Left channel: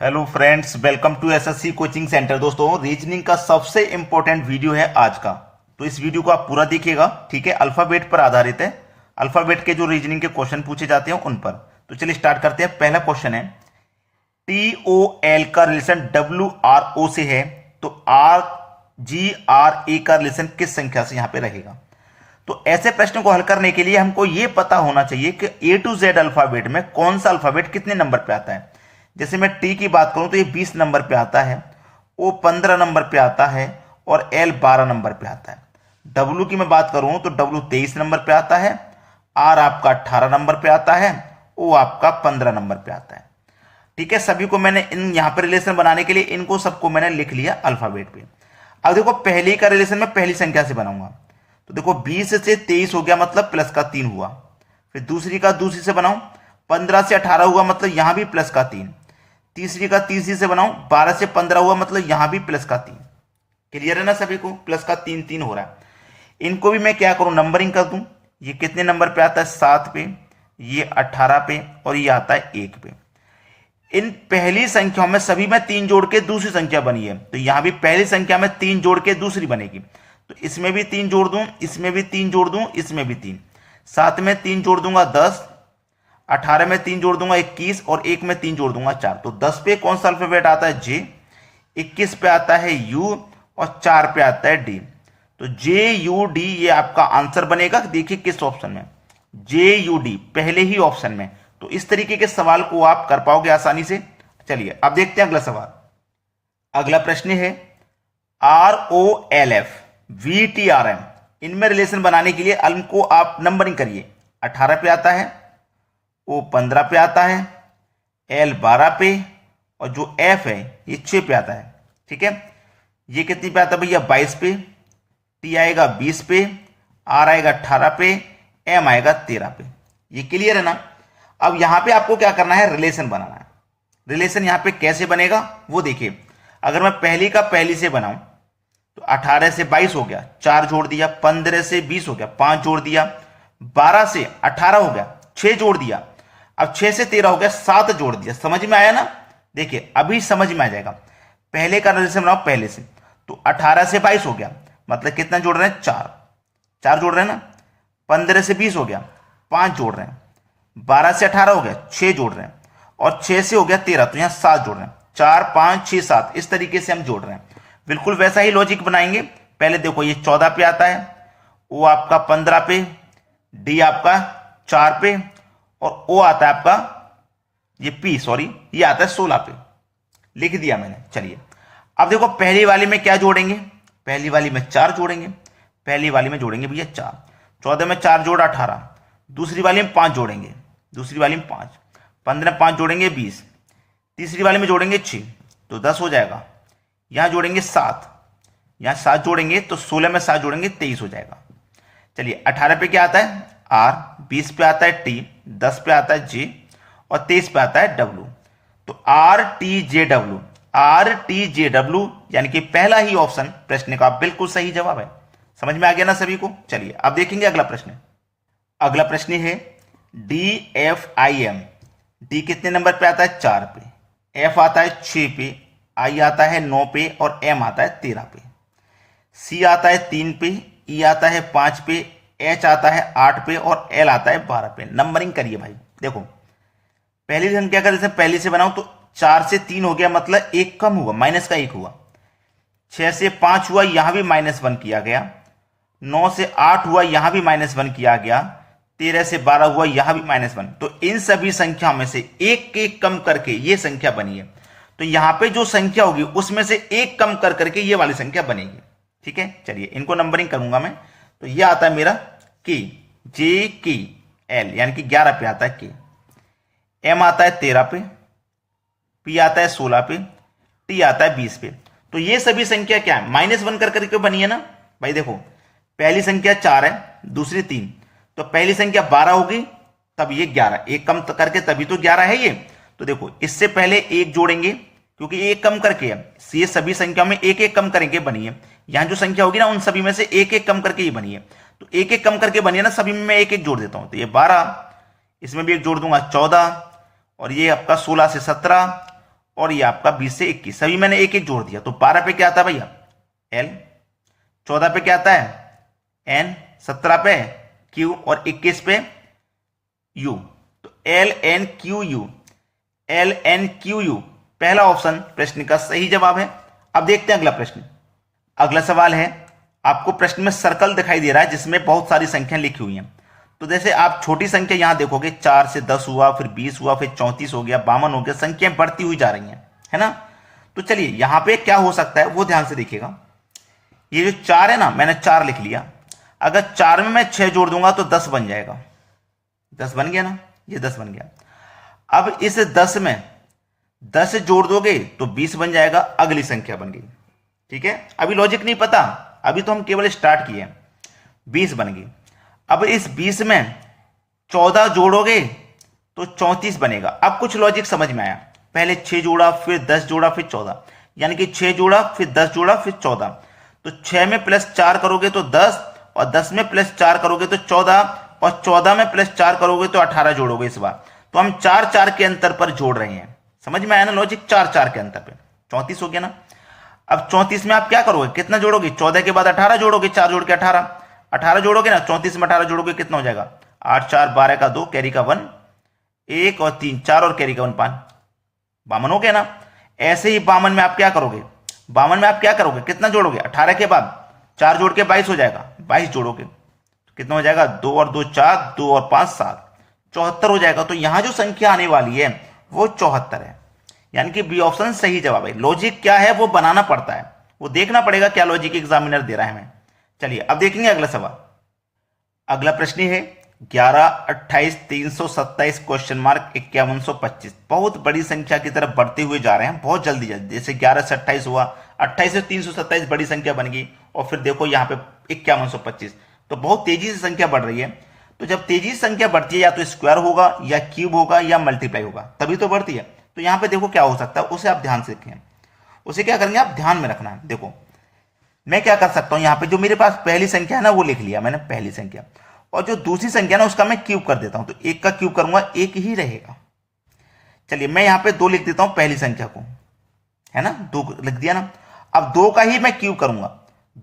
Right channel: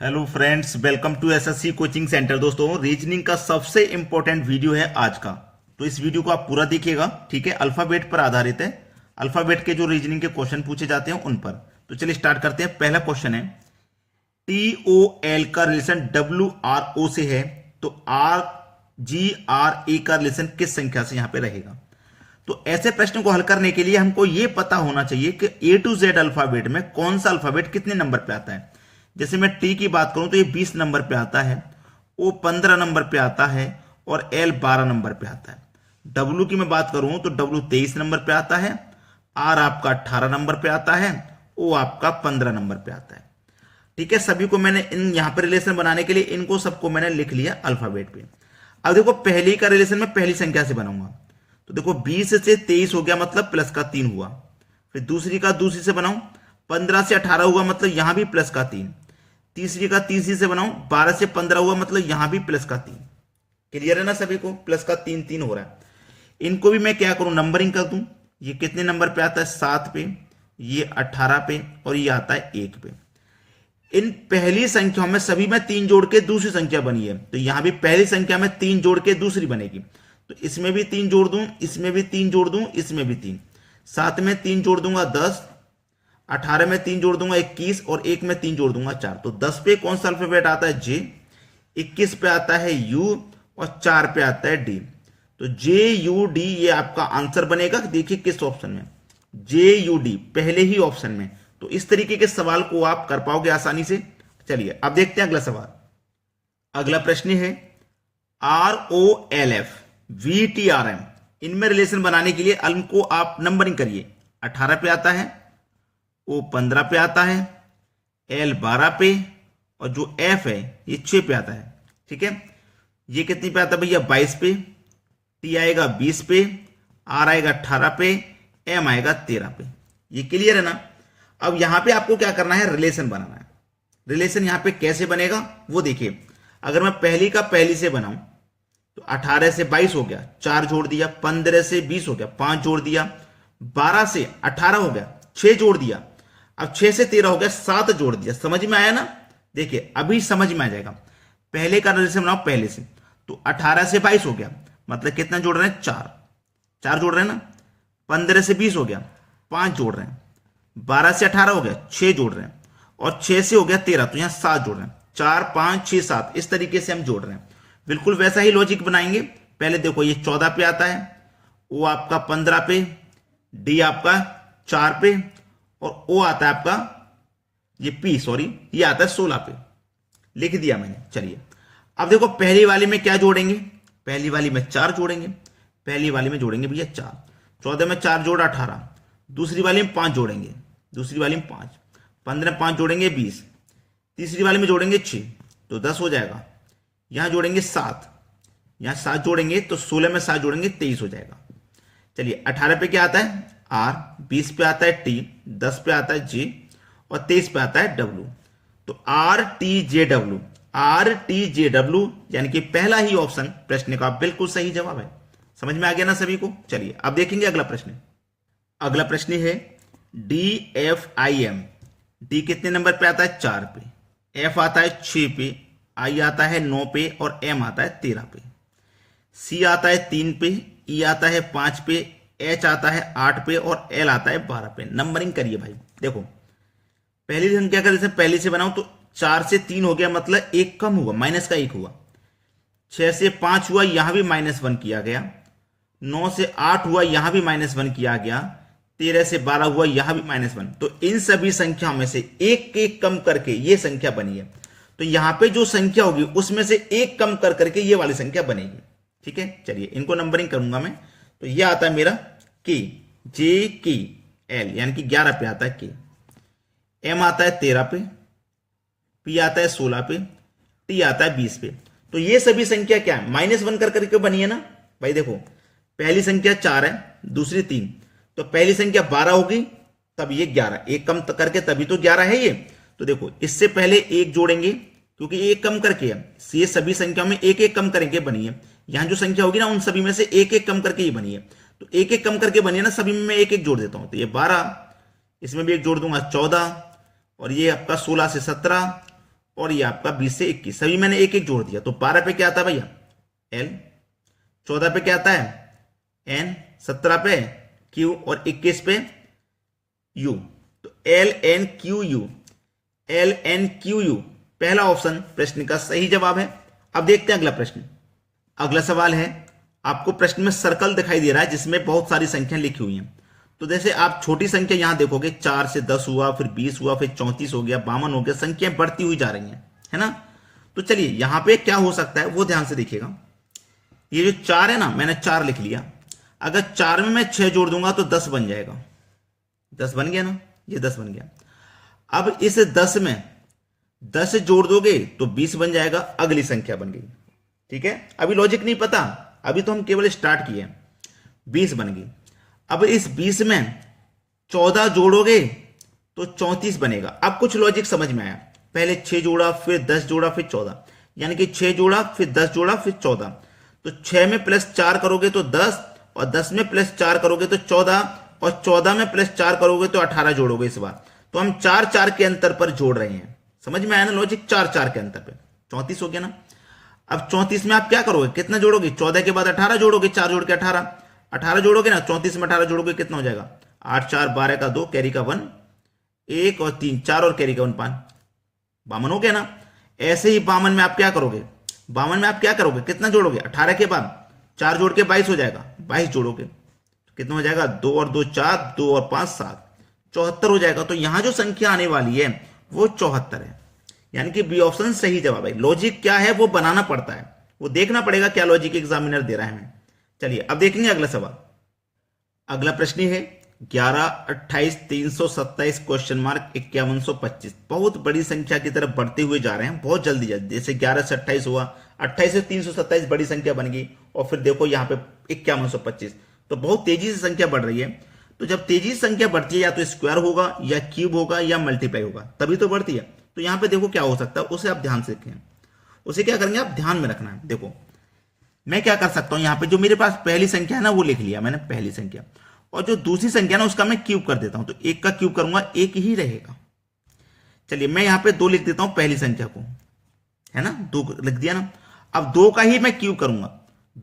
Hello friends, welcome to SSC coaching centre. दोस्तों, reasoning का सबसे इंपॉर्टेंट वीडियो है आज का, तो इस वीडियो को आप पूरा देखिएगा। ठीक है, अल्फाबेट पर आधारित है। अल्फाबेट के जो रीजनिंग के क्वेश्चन पूछे जाते हैं उन पर। तो चलिए स्टार्ट करते हैं। पहला क्वेश्चन है, टी ओ एल का रिलेशन डब्ल्यू आर ओ से है, तो आर जी आर ए का रिलेशन किस संख्या से यहां पे रहेगा। तो ऐसे प्रश्न को हल करने के लिए हमको यह पता होना चाहिए कि ए टू जेड अल्फाबेट में कौन सा अल्फाबेट कितने नंबर पे आता है। जैसे मैं टी की बात करूं तो ये 20 नंबर पे आता है, ओ 15 नंबर पे आता है और एल 12 नंबर पे आता है। डब्ल्यू की मैं बात करूं तो डब्ल्यू 23 नंबर पे आता है, आर आपका 18 नंबर पे आता है, ओ आपका 15 नंबर पे आता है। ठीक है, सभी को मैंने इन यहां पर रिलेशन बनाने के लिए इनको सबको मैंने लिख लिया अल्फाबेट पे। अब देखो, पहले का रिलेशन मैं पहली संख्या से बनाऊंगा। तो देखो, 20 से 23 हो गया मतलब प्लस का 3 हुआ। फिर दूसरी का दूसरी से बनाऊं, 15 से 18 हुआ मतलब यहां भी प्लस का 3। तीसरी का तीसरी से बनाऊं, 12 से 15 हुआ मतलब यहां भी प्लस का 3। क्लियर है ना सभी को? प्लस का 3 3 हो रहा है। इनको भी मैं क्या करूं, नंबरिंग कर दूं। ये कितने नंबर पे आता है? 7 पे, ये 18 पे और ये आता है 1 पे। इन पहली संख्याओं में सभी में 3 जोड़ के दूसरी संख्या बनी है, तो यहां भी पहली संख्या में 3 जोड़ के दूसरी बनेगी। तो इसमें भी 3 जोड़ दूं, इसमें भी 3 जोड़ दूं, इसमें भी 3। 7 में 3 जोड़ दूंगा 10, 18 में 3 जोड़ दूंगा 21 और 1 में 3 जोड़ दूंगा 4। तो 10 पे कौन सा अल्फाबेट आता है? जे। 21 पे आता है यू और 4 पे आता है डी। तो जे यू डी ये आपका आंसर बनेगा। देखिए किस ऑप्शन में, जे यू डी पहले ही ऑप्शन में। तो इस तरीके के सवाल को आप कर पाओगे आसानी से। चलिए अब देखते हैं अगला सवाल। अगला प्रश्न है, R O L F V T R M, इनमें रिलेशन बनाने के लिए इनको आप नंबरिंग करिए। 18 पे आता है, ओ 15 पे आता है, एल 12 पे और जो एफ है ये 6 पे आता है। ठीक है, ये कितनी पे आता है भैया? 22 पे। टी आएगा 20 पे, आर आएगा 18 पे, एम आएगा 13 पे। ये क्लियर है ना? अब यहां पे आपको क्या करना है, रिलेशन बनाना है। रिलेशन यहां पे कैसे बनेगा वो देखिए। अगर मैं पहली का पहली से बनाऊं तो 18 से 22 हो गया, 4 जोड़ दिया। 15 से 20 हो गया, 5 जोड़ दिया। 12 से 18 हो गया, 6 जोड़ दिया। अब 6 से 13 हो गया, 7 जोड़ दिया। समझ में आया ना? देखिए अभी समझ में आ जाएगा। पहले का रिलेशन बनाओ पहले से, तो 18 से 22 हो गया मतलब कितना जोड़ रहे हैं? 4। 4 जोड़ रहे हैं ना। 15 से 20 हो गया, 5 जोड़ रहे हैं। 12 से 18 हो गया, 6 जोड़ रहे हैं। और 6 से हो गया 13, तो यहां 7 जोड़ रहे हैं। 4 5 6 7 इस तरीके से हम जोड़ रहे हैं। बिल्कुल वैसा ही लॉजिक बनाएंगे। पहले देखो, ये 14 पे आता है, वो आपका 15 पे, डी आपका 4 पे और ओ आता है आपका ये पी सॉरी ये आता है 16 पे। लिख दिया मैंने। चलिए अब देखो, पहली वाली में क्या जोड़ेंगे? पहली वाली में 4 जोड़ेंगे। पहली वाली में जोड़ेंगे भैया 4। 14 में 4 जोड़ 18। दूसरी वाली में 5 जोड़ेंगे, दूसरी वाली में 5। 15 में 5 जोड़ेंगे 20। तीसरी वाली में जोड़ेंगे 6, तो 10 हो जाएगा। यहां जोड़ेंगे 7, यहां 7 जोड़ेंगे तो 16 में 7 जोड़ेंगे 23 हो जाएगा। चलिए 18 पे क्या आता है? आर। 20 पे आता है टी, 10 पे आता है जे और 23 पे आता है डब्ल्यू। तो R T J W, R T J W यानी कि पहला ही ऑप्शन प्रश्न का बिल्कुल सही जवाब है। समझ में आ गया ना सभी को? चलिए अब देखेंगे अगला प्रश्न। अगला प्रश्न है, D F I am. D कितने नंबर पे आता है? 4 पे। एफ आता है 6 पे, आई आता है 9 पे और एम आता है 13 पे। सी आता है 3 पे, ई आता है 5 पे, एच आता है 8 पे और एल आता है 12 पे। नंबरिंग करिए भाई। देखो, पहली संख्या का जैसे पहले से बनाऊं तो 4 से 3 हो गया मतलब 1 कम हुआ, माइनस का 1 हुआ। 6 से 5 हुआ, यहां भी -1 किया गया। 9 से 8 हुआ, यहां भी -1 किया गया। 13 से 12 हुआ, यहां भी -1। तो इन सभी संख्याओं में से एक एक कम करके ये संख्या बनी है। तो यहां पे जो संख्या होगी उसमें से एक कम कर करके ये वाली संख्या बनेगी। ठीक है, चलिए इनको नंबरिंग करूंगा मैं। तो ये आता है मेरा के, जे के एल यानी कि 11 पे आता है के। एम आता है 13 पे, पी आता है 16 पे, टी आता है 20 पे। तो ये सभी संख्या क्या है? -1 कर करके बनी है ना भाई। देखो, पहली संख्या 4 है, दूसरी 3, तो पहली संख्या 12 होगी, तब ये 11, एक कम करके तभी तो 11 है ये। तो देखो, इससे पहले एक जोड़ेंगे क्योंकि एक कम करके है। ये सभी संख्या में एक एक कम करके बनी है। यहां जो संख्या होगी ना उन सभी में से एक एक कम करके ये बनी है। तो एक एक कम करके बनी है ना, सभी में मैं एक एक जोड़ देता हूं। तो ये 12, इसमें भी एक जोड़ दूंगा 14 और ये आपका 16 से 17 और ये आपका 20 से 21, सभी मैंने एक एक जोड़ दिया। तो 12 पे क्या आता है भैया L, 14 पे क्या आता है N, 17 पे Q और 21 पे U। तो LNQU, LNQU पहला ऑप्शन प्रश्न का सही जवाब है। अब देखते हैं अगला प्रश्न। अगला सवाल है, आपको प्रश्न में सर्कल दिखाई दे रहा है जिसमें बहुत सारी संख्या लिखी हुई हैं। तो जैसे आप छोटी संख्या यहां देखोगे 4 से 10 हुआ, फिर 20 हुआ, फिर 34 हो गया, 52 हो गया, संख्याएं बढ़ती हुई जा रही हैं, है ना। तो चलिए यहां पे क्या हो सकता है वो ध्यान से देखिएगा। ये जो 4 है ना, मैंने 4 लिख लिया, अगर 4 में मैं 6 जोड़ दूंगा तो 10 बन जाएगा। 10 बन गया ना, ये 10 बन गया। अब इस 10 में 10 जोड़ दोगे तो 20 बन जाएगा, अगली संख्या बन गई। ठीक है, अभी लॉजिक नहीं पता, अभी तो हम केवल स्टार्ट किए। 20 बन गई। अब इस 20 में 14 जोड़ोगे तो 34 बनेगा। अब कुछ लॉजिक समझ में आया, पहले 6 जोड़ा, फिर 10 जोड़ा, फिर 14, यानी कि 6 जोड़ा, फिर 10 जोड़ा, फिर 14। तो 6 में +4 करोगे तो 10, और 10 में +4 करोगे तो 14, और 14 में +4 करोगे तो 18 जोड़ोगे इस बार। तो हम 4 के अंतर पर जोड़ रहे हैं। समझ में आया ना लॉजिक, 4 के अंतर पे 34 हो गया ना। अब 34 में आप क्या करोगे, कितना जोड़ोगे, 14 के बाद 18 जोड़ोगे, 4 जोड़ के 18 जोड़ोगे ना, 34 में 18 जोड़ोगे कितना हो जाएगा, 8 4 12 का 2, कैरी का 1, 1 और 3 4 और कैरी का 1 5, 52 हो गया ना। ऐसे ही 52 में आप क्या करोगे, 52 में आप क्या करोगे, कितना जोड़ोगे, 18 के बाद 4 जोड़ के 22 हो जाएगा, 22 जोड़ोगे तो कितना हो जाएगा, 2 और 2 4, 2 और 5 7, 74 हो जाएगा। तो यहां जो संख्या आने वाली है वो 74 है, यानी कि बी ऑप्शन सही जवाब है। लॉजिक क्या है वो बनाना पड़ता है, वो देखना पड़ेगा क्या लॉजिक एग्जामिनर दे रहा है हमें। चलिए अब देखेंगे अगला सवाल। अगला प्रश्न है 11 28 327 क्वेश्चन मार्क 5125। बहुत बड़ी संख्या की तरफ बढ़ते हुए जा रहे हैं, बहुत जल्दी जल्दी। जैसे 11 से 28 हुआ, 28 से 327 बड़ी संख्या बन गई, और फिर देखो यहाँ पे 5125। तो बहुत तेजी से संख्या बढ़ रही है। तो जब तेजी से संख्या बढ़ती है, या तो स्क्वायर होगा, या क्यूब होगा, या मल्टीप्लाई होगा, तभी तो बढ़ती है। तो यहां पे देखो क्या हो सकता है, उसे आप ध्यान से देखें। उसे क्या करेंगे आप ध्यान में रखना है। देखो मैं क्या कर सकता हूं, यहां पे जो मेरे पास पहली संख्या है ना वो लिख लिया मैंने, पहली संख्या, और जो दूसरी संख्या ना उसका मैं क्यूब कर देता हूं। तो 1 का क्यूब करूंगा, 1 ही रहेगा। चलिए मैं यहां पे 2 लिख देता हूं पहली संख्या को, है ना, 2 लिख दिया ना। अब 2 का ही मैं क्यूब करूंगा,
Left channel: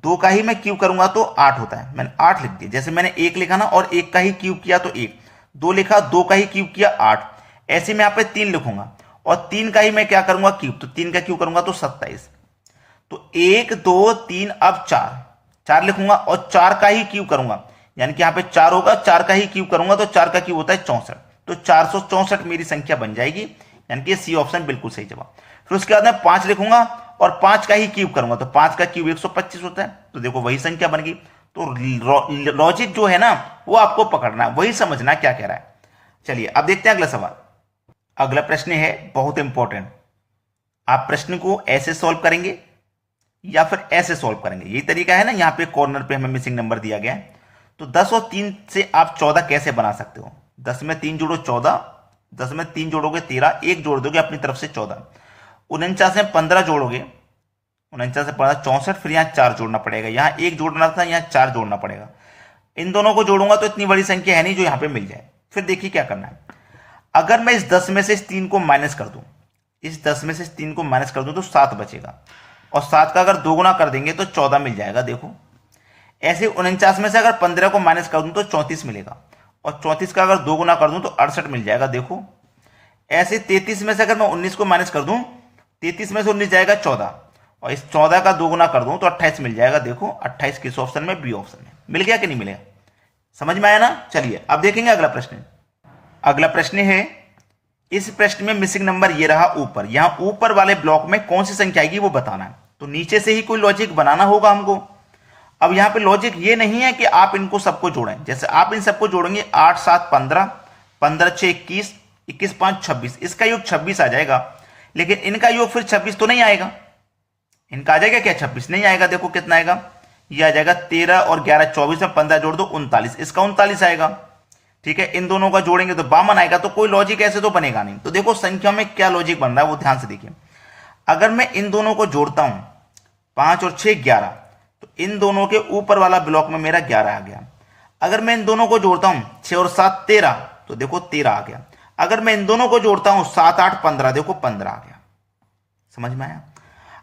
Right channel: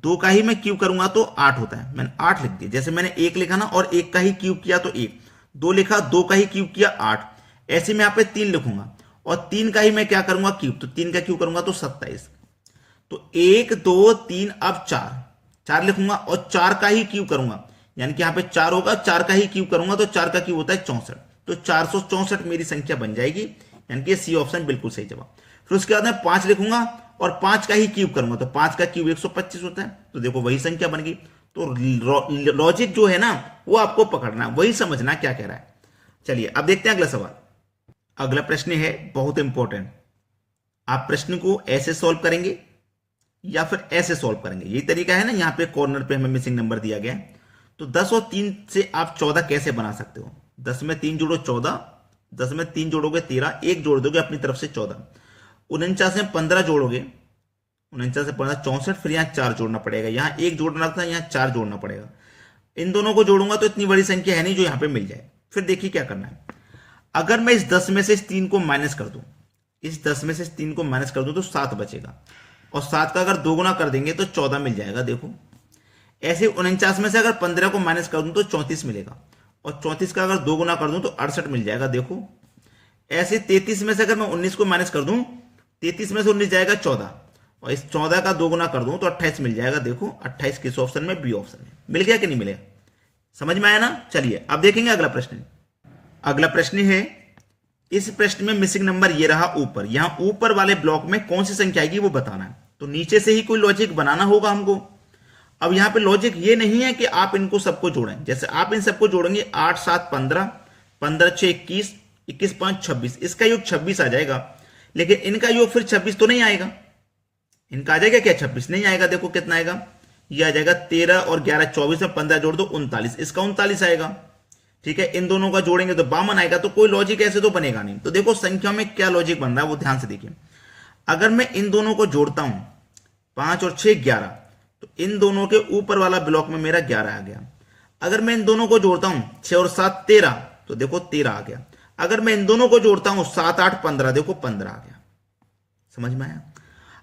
2 का ही मैं क्यूब करूंगा तो 8 होता है, मैंने 8 लिख दिया। जैसे मैंने 1 लिखा ना, और 1 का ही क्यूब किया तो 1, 2 लिखा, 2 का ही क्यूब किया 8। ऐसे मैं यहां पे 3 लिखूंगा, और 3 का ही मैं क्या करूंगा क्यूब, तो 3 का क्यूब करूंगा तो 27। तो 1 2 3, अब 4 लिखूंगा, और 4 का ही क्यूब करूंगा, यानी कि यहां पे 4 होगा, 4 का ही क्यूब करूंगा तो 4 का क्यूब होता है 64। तो 464 मेरी संख्या बन जाएगी, यानी कि सी ऑप्शन बिल्कुल सही जवाब। फिर उसके बाद मैं 5 लिखूंगा, और 5 का ही क्यूब करूंगा, तो 5 का क्यूब 125 होता है। तो देखो वही संख्या बन गई। तो लॉजिक जो है ना वो आपको पकड़ना है, वही समझना क्या कह रहा है। चलिए अब देखते हैं अगला सवाल। अगला प्रश्न है बहुत इंपॉर्टेंट। आप प्रश्न को ऐसे सॉल्व करेंगे या फिर ऐसे सॉल्व करेंगे, यही तरीका है ना। यहां पे कॉर्नर पे हमें मिसिंग नंबर दिया गया है। तो 10 और 3 से आप 14 कैसे बना सकते हो। 10 में 3 जोड़ो 14, 10 में 3 जोड़ोगे 13, 1 जोड़ दोगे अपनी तरफ से 14। 49 में 15 जोड़ोगे, 49 से 15 64, फिर यहाँ 4 जोड़ना पड़ेगा, यहाँ 1 जोड़ना था, यहाँ 4 जोड़ना पड़ेगा। इन दोनों को जोड़ूंगा तो इतनी बड़ी संख्या है नहीं जो यहाँ पे मिल जाए। फिर देखिए क्या करना है। अगर मैं इस 10 में से इस 3 को माइनस कर दूं, इस 10 में से इस 3 को माइनस कर दूं तो 7 बचेगा, और 7 का अगर 2 गुना कर देंगे तो 14 मिल जाएगा। देखो ऐसे 49 में से अगर 15 को माइनस कर दूं तो 34 मिलेगा, और 34 का अगर 2 गुना कर दूं तो 68 मिल जाएगा। देखो ऐसे 33 में से अगर मैं 19 को माइनस कर दूं, 33 में से 19 जाएगा 14, और इस 14 का 2 गुना कर दूं तो 28 मिल जाएगा। देखो 28 किस ऑप्शन में, बी ऑप्शन में। मिल गया कि नहीं मिलेगा, समझ में आया ना। चलिए अब देखेंगे अगला प्रश्न। अगला प्रश्न है, इस प्रश्न में मिसिंग नंबर ये रहा ऊपर, यहां ऊपर वाले ब्लॉक में कौन सी संख्या आएगी वो बताना है। तो नीचे से ही कोई लॉजिक बनाना होगा हमको। अब यहां पे लॉजिक ये नहीं है कि आप इनको सबको जोड़ें, जैसे आप इन सबको जोड़ेंगे 8 7 15, 15 6 21, 21 5 26, इसका योग 26 आ जाएगा। लेकिन इनका योग फिर 26 तो नहीं आएगा। इनका आ जाएगा क्या, 26 नहीं आएगा। देखो कितना आएगा, ये आ जाएगा 13 और 11 24 में 15 जोड़ दो 39, इसका 39 आएगा। ठीक है, इन दोनों का जोड़ेंगे तो 52 आएगा। तो कोई लॉजिक ऐसे तो बनेगा नहीं। तो देखो संख्या में क्या लॉजिक बन रहा है वो ध्यान से देखिए। अगर मैं इन दोनों को जोड़ता हूं 5 और 6 11, तो इन दोनों के ऊपर वाला ब्लॉक में मेरा 11 आ गया। अगर मैं इन दोनों को जोड़ता हूं 6 और 7 13, तो देखो 13 आ गया। अगर मैं इन दोनों को जोड़ता हूं 7 8 15, देखो 15 आ गया। समझ में आया?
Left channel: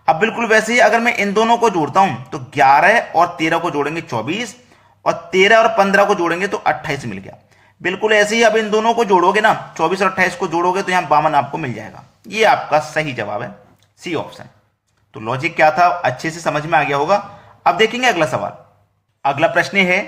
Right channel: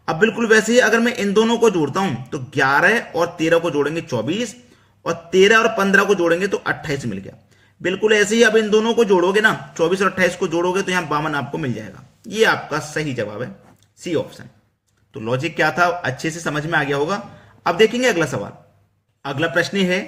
अब बिल्कुल वैसे ही अगर मैं इन दोनों को जोड़ता हूं तो 11 और 13 को जोड़ेंगे 24, और 13 और 15 को जोड़ेंगे तो 28 मिल गया। बिल्कुल ऐसे ही अब इन दोनों को जोड़ोगे ना, 24 और 28 को जोड़ोगे तो यहां 52 आपको मिल जाएगा। ये आपका सही जवाब है, सी ऑप्शन। तो लॉजिक क्या था अच्छे से समझ में आ गया होगा। अब देखेंगे अगला सवाल। अगला प्रश्न है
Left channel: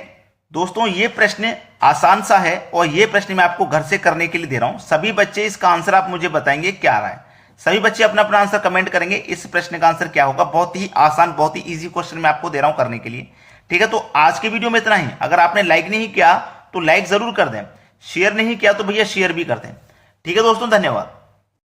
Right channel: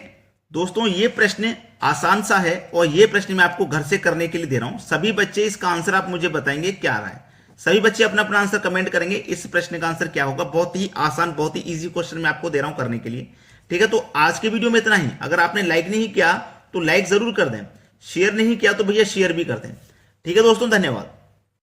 दोस्तों, ये प्रश्न आसान सा है और ये प्रश्न मैं आपको घर से करने के लिए दे रहा हूं। सभी बच्चे इसका आंसर आप मुझे बताएंगे क्या रहा है। सभी बच्चे अपना अपना आंसर कमेंट करेंगे, इस प्रश्न का आंसर क्या होगा। बहुत ही आसान, बहुत ही इजी क्वेश्चन मैं आपको दे रहा हूं करने के लिए। ठीक है, तो आज के वीडियो में इतना ही। अगर आपने लाइक नहीं किया तो लाइक जरूर कर दें, शेयर नहीं किया तो भैया शेयर भी कर दें। ठीक है दोस्तों, धन्यवाद।